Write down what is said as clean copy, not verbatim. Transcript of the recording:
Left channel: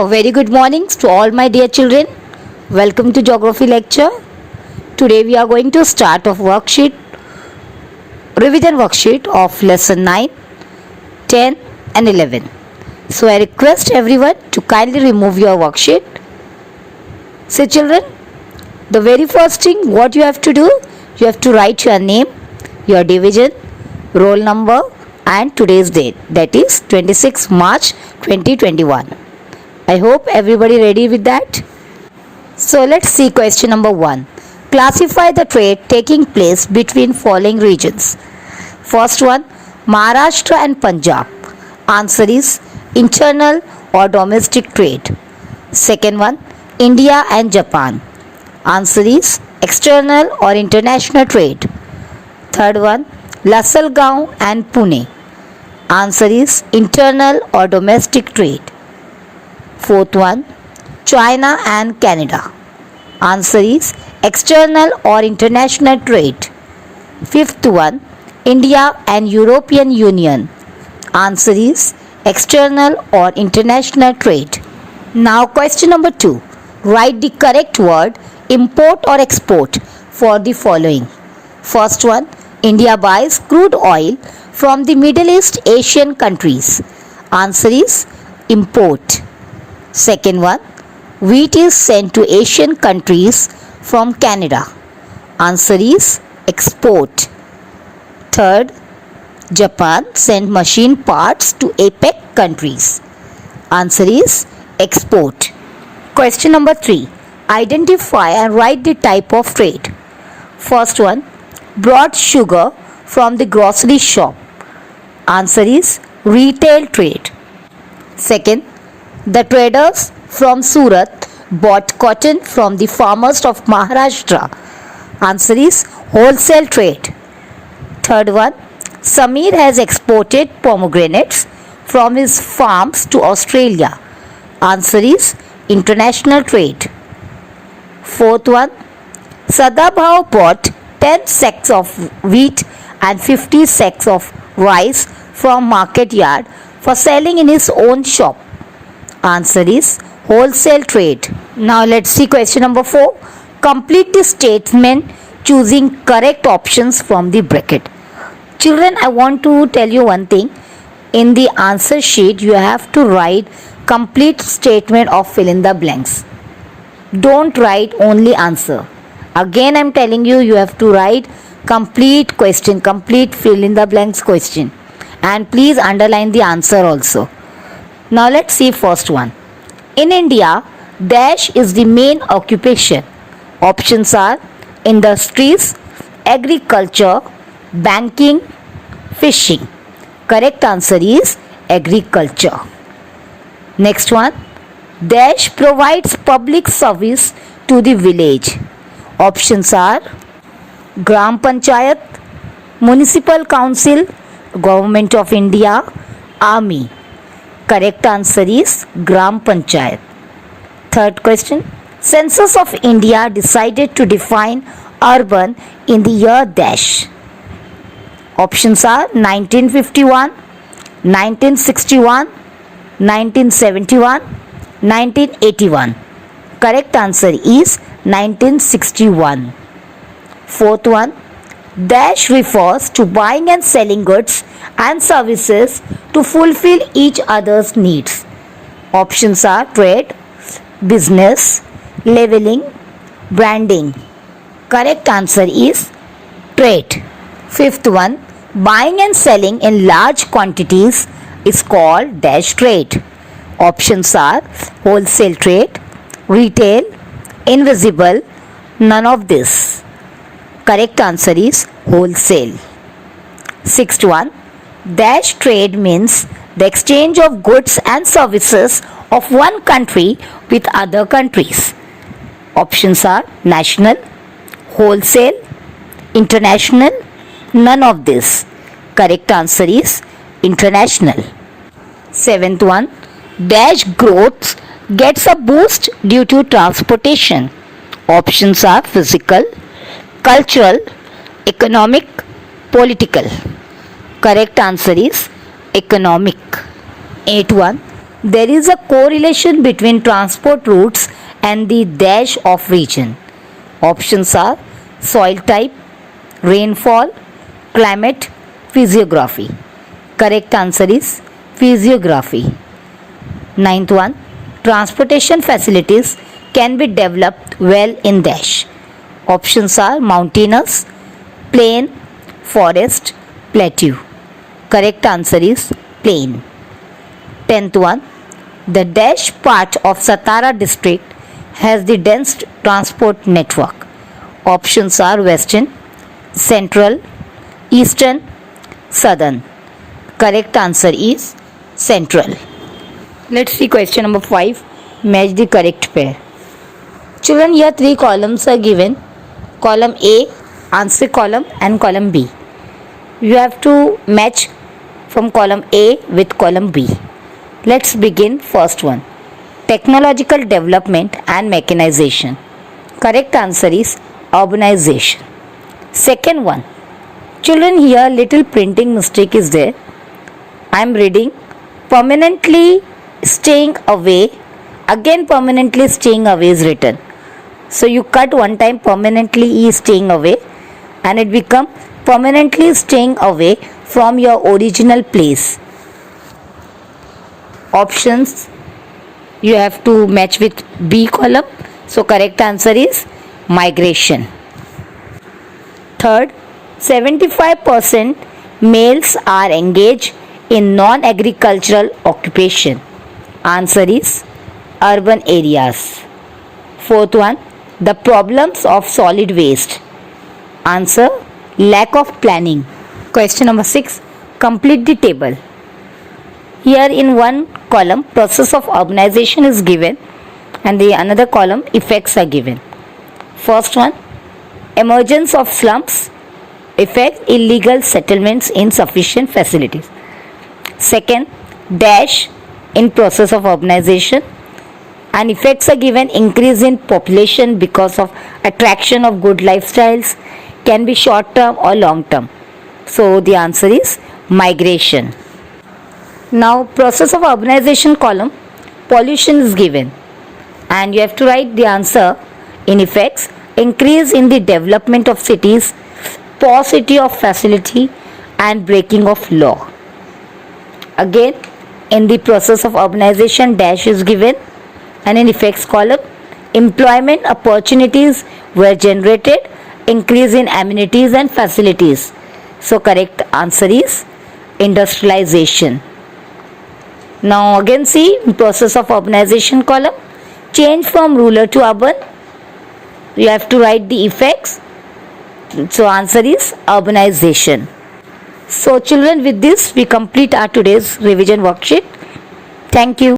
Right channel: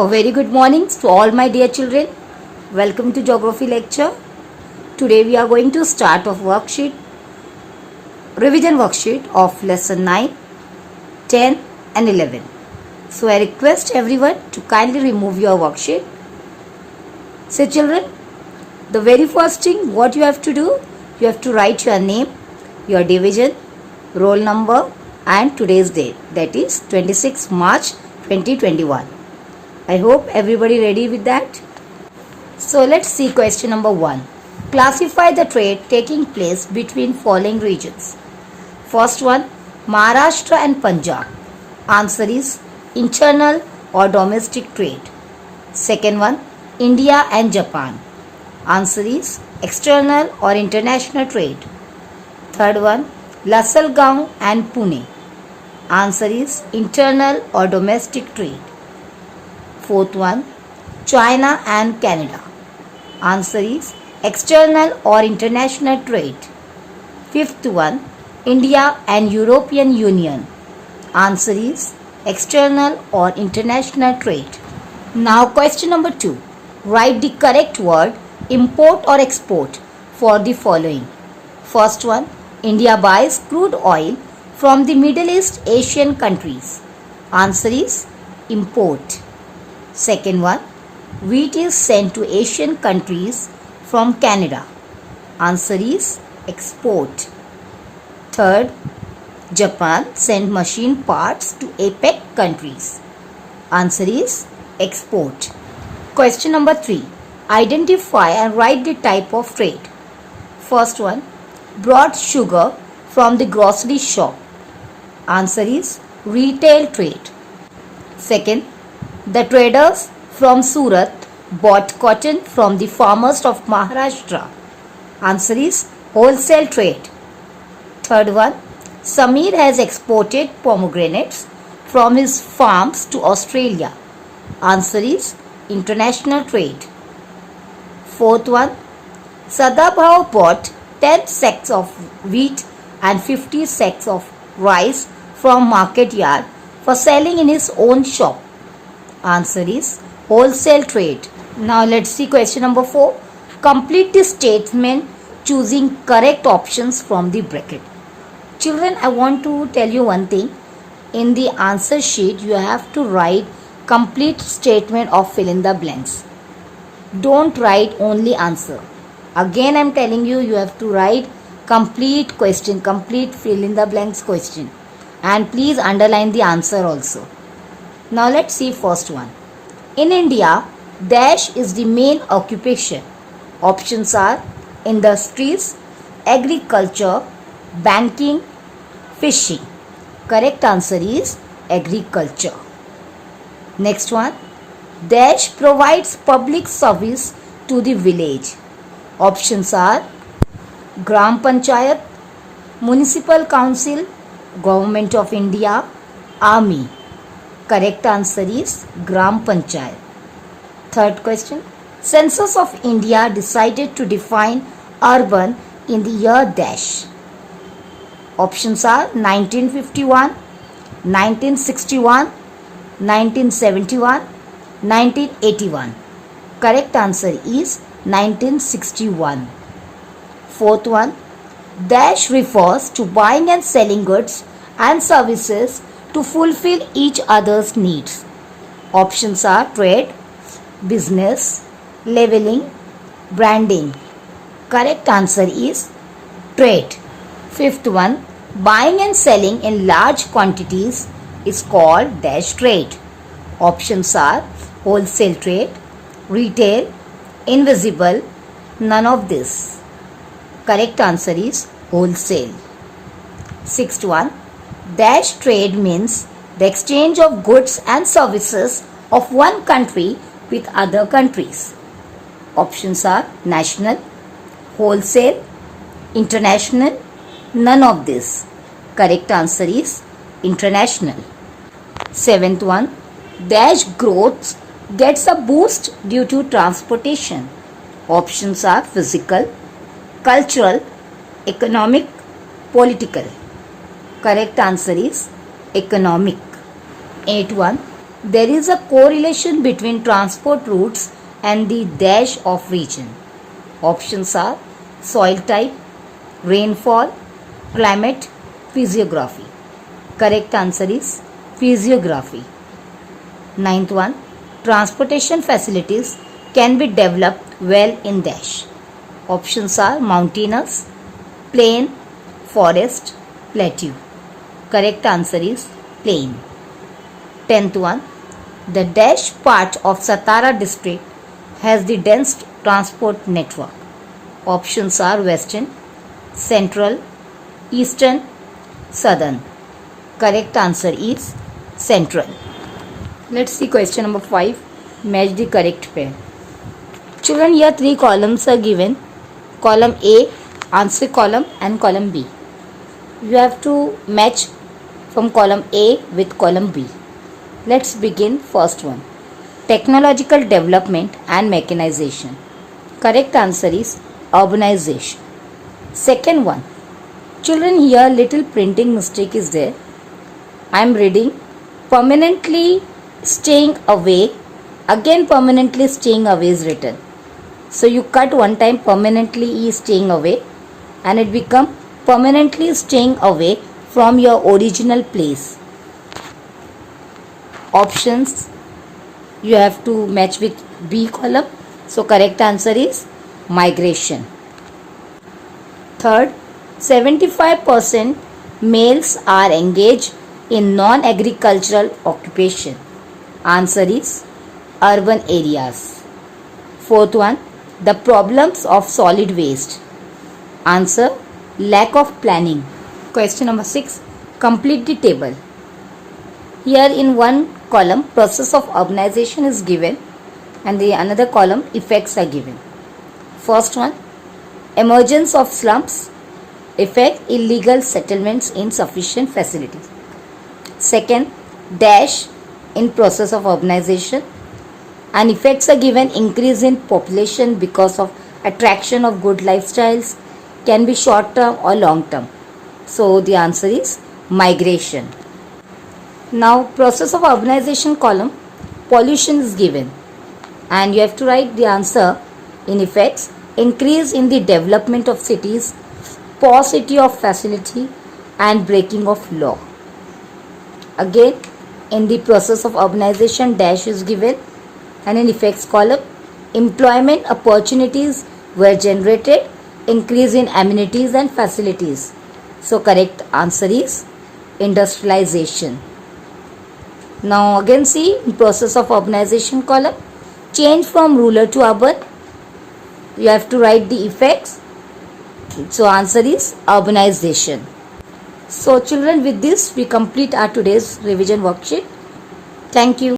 A very good morning to all my dear children. Welcome to geography lecture. Today we are going to start a revision worksheet of lesson 9, 10 and 11. So I request everyone to kindly remove your worksheet. So children, the very first thing what you have to do, you have to write your name, your division, roll number and today's date, that is 26 March 2021. I hope everybody ready with that. So let's see question number 1. Classify the trade taking place between following regions. First one, Maharashtra and Punjab. Answer is internal or domestic trade. Second one, India and Japan. Answer is external or international trade. Third one, Lasalgaon and Pune. Answer is internal or domestic trade. Fourth one, China and Canada. Answer is external or international trade. Fifth one, India and European Union. Answer is external or international trade. Now question number 2. Write the correct word import or export for the following. First one, India buys crude oil from the Middle East Asian countries. Answer is import. Second one, wheat is sent to Asian countries from Canada. Answer is export. Third, Japan sent machine parts to APEC countries. Answer is export. Question number 3. Identify and write the type of trade. First one, brought sugar from the grocery shop. Answer is retail trade. Second, the traders from Surat bought cotton from the farmers of Maharashtra. Answer is wholesale trade. Third one, Samir has exported pomegranates from his farms to Australia. Answer is international trade. Fourth one, Sadabhav bought 10 sacks of wheat and 50 sacks of rice from market yard for selling in his own shop. Answer is wholesale trade. Now let's see question number 4. Complete the statement choosing correct options from the bracket. Children, I want to tell you one thing. In the answer sheet, you have to write complete statement of fill in the blanks. Don't write only answer. Again, I'm telling you, you have to write complete question, complete fill in the blanks question. And please underline the answer also. Now let's see first one. In India, dash is the main occupation. Options are industries, agriculture, banking, fishing. Correct answer is agriculture. Next one. Dash provides public service to the village. Options are Gram Panchayat, Municipal Council, Government of India, Army. Correct answer is Gram Panchayat. Third question. Census of India decided to define urban in the year dash. Options are 1951, 1961, 1971, 1981. Correct answer is 1961. Fourth one. Dash refers to buying and selling goods and services to fulfill each other's needs. Options are trade, business, leveling, branding. Correct answer is trade. Fifth one, buying and selling in large quantities is called dash trade. Options are wholesale trade, retail, invisible, none of this. Correct answer is wholesale. Sixth one, dash trade means the exchange of goods and services of one country with other countries. Options are national, wholesale, international, none of this. Correct answer is international. Seventh one, dash growth gets a boost due to transportation. Options are physical, cultural, economic, political. Correct answer is economic. 8.1. There is a correlation between transport routes and the dash of region. Options are soil type, rainfall, climate, physiography. Correct answer is physiography. Ninth one, transportation facilities can be developed well in dash. Options are mountainous, plain, forest, plateau. Correct answer is plain. 10th one, the dash part of Satara district has the dense transport network. Options are western, central, eastern, southern. Correct answer is central. Let's see question number 5. Match the correct pair. Children, here 3 columns are given. Column A, answer column, and column B. You have to match from column A with column B. Let's begin first one. Technological development and mechanization. Correct answer is urbanization. Second one. Children, here little printing mistake is there. I am reading permanently staying away. Again permanently staying away is written. So you cut one time permanently is staying away and it become permanently staying away from your original place. Options you have to match with B column. So correct answer is migration. Third, 75% males are engaged in non-agricultural occupation. Answer is urban areas. Fourth one, the problems of solid waste. Answer, lack of planning. Question number 6, complete the table. Here in one column, process of urbanization is given and the another column, effects are given. First one, emergence of slums, effect illegal settlements, insufficient facilities. Second, dash in process of urbanization, and effects are given increase in population because of attraction of good lifestyles, can be short term or long term. So the answer is migration. Now process of urbanization column, pollution is given and you have to write the answer in effects, increase in the development of cities, paucity of facility and breaking of law. Again in the process of urbanization, dash is given and in effects column, employment opportunities were generated, increase in amenities and facilities. So correct answer is industrialization. Now again see process of urbanization column, change from rural to urban. You have to write the effects. So answer is urbanization. So children, with this we complete our today's revision worksheet. Thank you.